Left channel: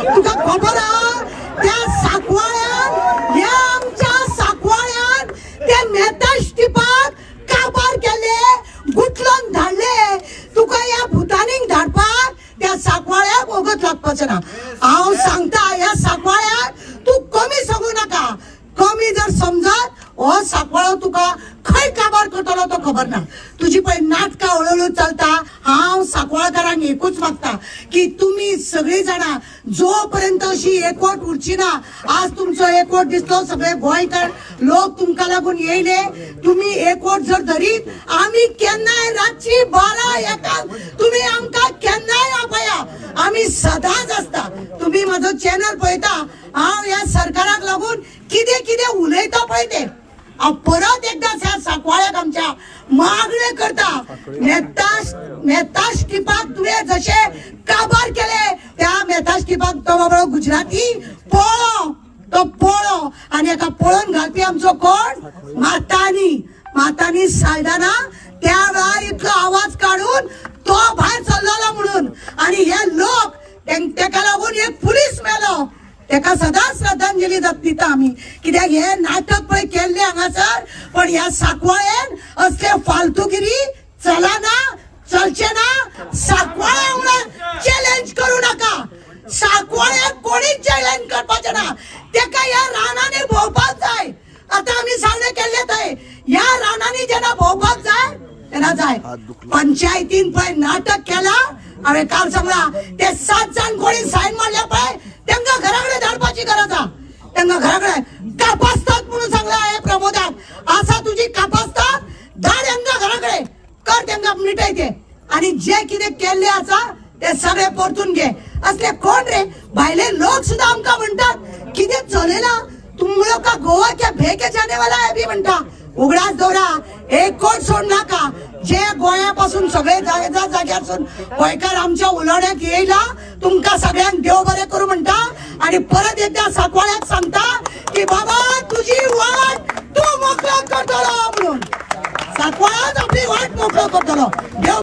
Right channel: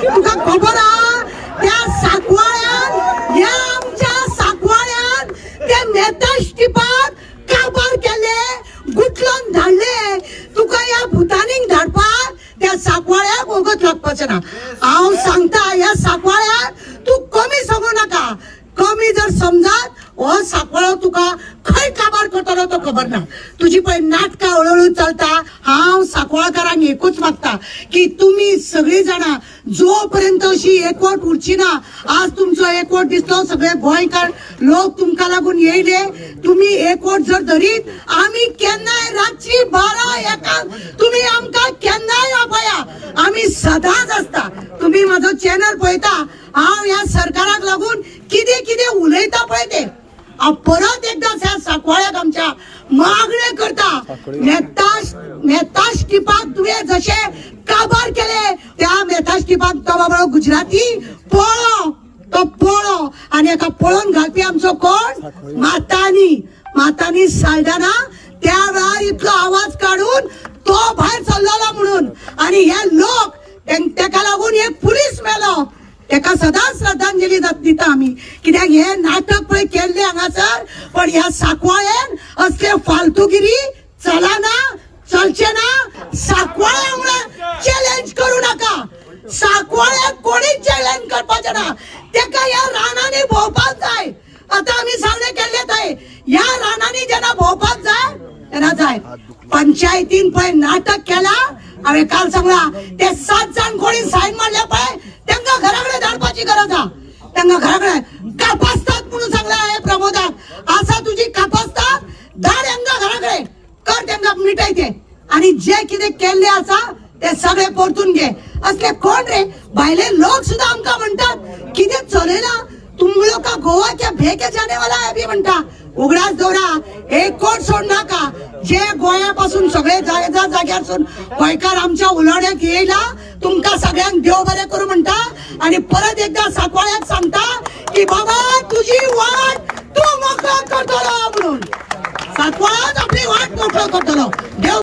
तुका खबर हा त्या साकवाळ्यान या आमच्या साकवाळ्यान ते मेहता स्टिपाक काबार केले गुटलोन धाडले तुका या भुतानीक धाडपाक त्या साकवाळ्याक ओगत लागपाचें ना। हांव सांगता या साकवाळ्याक तू कमी समजू नाका। कमी जर समजत हो साकवाळो तुका खंय काबार करतलो तो खबर ना। तुझी पळय नाटकां हळूहळू चलता। हांव साकवाळकारांक एकूच मागता की तुम्ही सगळी जाणां जो पर्यंत अशी एकवट उरची ना, आज तुमचो एकवट दिसलो सगळे गोंयकार लोक तुमकां लागून येयले, तुम्ही एकवट जर धरीत आमी केन्नाय रातची 12-1 तुम्ही आमकां केन्नाय आपया, आमी सदांच आसता। तुम्ही माझो चॅनल पळयता, हांव ह्या सरकाराक लागून कितें कितें उलयता पळय ते परत एकदा ह्या साकवाळ्याक आमच्या मागणे करता। मेहता स्टिपाक तुवें जशे काबार केले त्या मेहता स्टिपाक तो बाबा गुजराती तो पळो आणि एका पळोवन घालपी आमचो कोण मातानी साल्दाना त्या वेळार इतलो आवाज काढून तो भायर सरलेलो म्हणून आणि हे लोक तेका लागून एक पुलीस मेलो तेका सदांच श्रद्धांजली दिता आमी कित्याक हे नाटक पळय केल्ले हांगासर। पण ह्या साकवाळ्यान असले फालतूगिरी चलना चलचे ना। साकवाळ्या वांगडा चॅलेंज करू नका। साकवाळ्याक कोणीच चॅलेंज करपाचें ना। तेका ह्या रानांनी भोंवपाक जाय। आता आमी सांगले केल्ले थंय ह्या रानांनी जेन्ना भोंवपाक जाय तेन्ना जाय। पंचायतीन पळय नाटक केला, हांवें काल सांगला ते 7 जाण कोणी सायन मारल्या पळय त्यांना घराकडे धाडपाची गरज आहे। त्यांना घराकडे कापासतात म्हणून सांगला हे प्रमोदाक असा तुझी कापासतात धाड त्यांना घराकडे कर त्यांना मिटाय ते आणि जे कितें केल्ले आसा ते सगळे परतून घे। असले कोण रे भायले लोक सुद्धा आमकां म्हणतात कितें चलयना तुम लोग का गोवा क्या भेके जाने वाला है भी म्हणता। उगडास दौरा एक कोट सोड नाका। जे गोयापासून सगळे जाग्यासून गोंयकार आमच्या उलोवण्याक येयला तुमका सगळ्यांक देव बरें करूं म्हणटा आणि परत एकदा साकवाळ्याक सांगता की बाबा तुझी वाट तू मोकळो करतलो म्हणून। साकवाळ्याच आपली वाट मोकळो करतलो। देव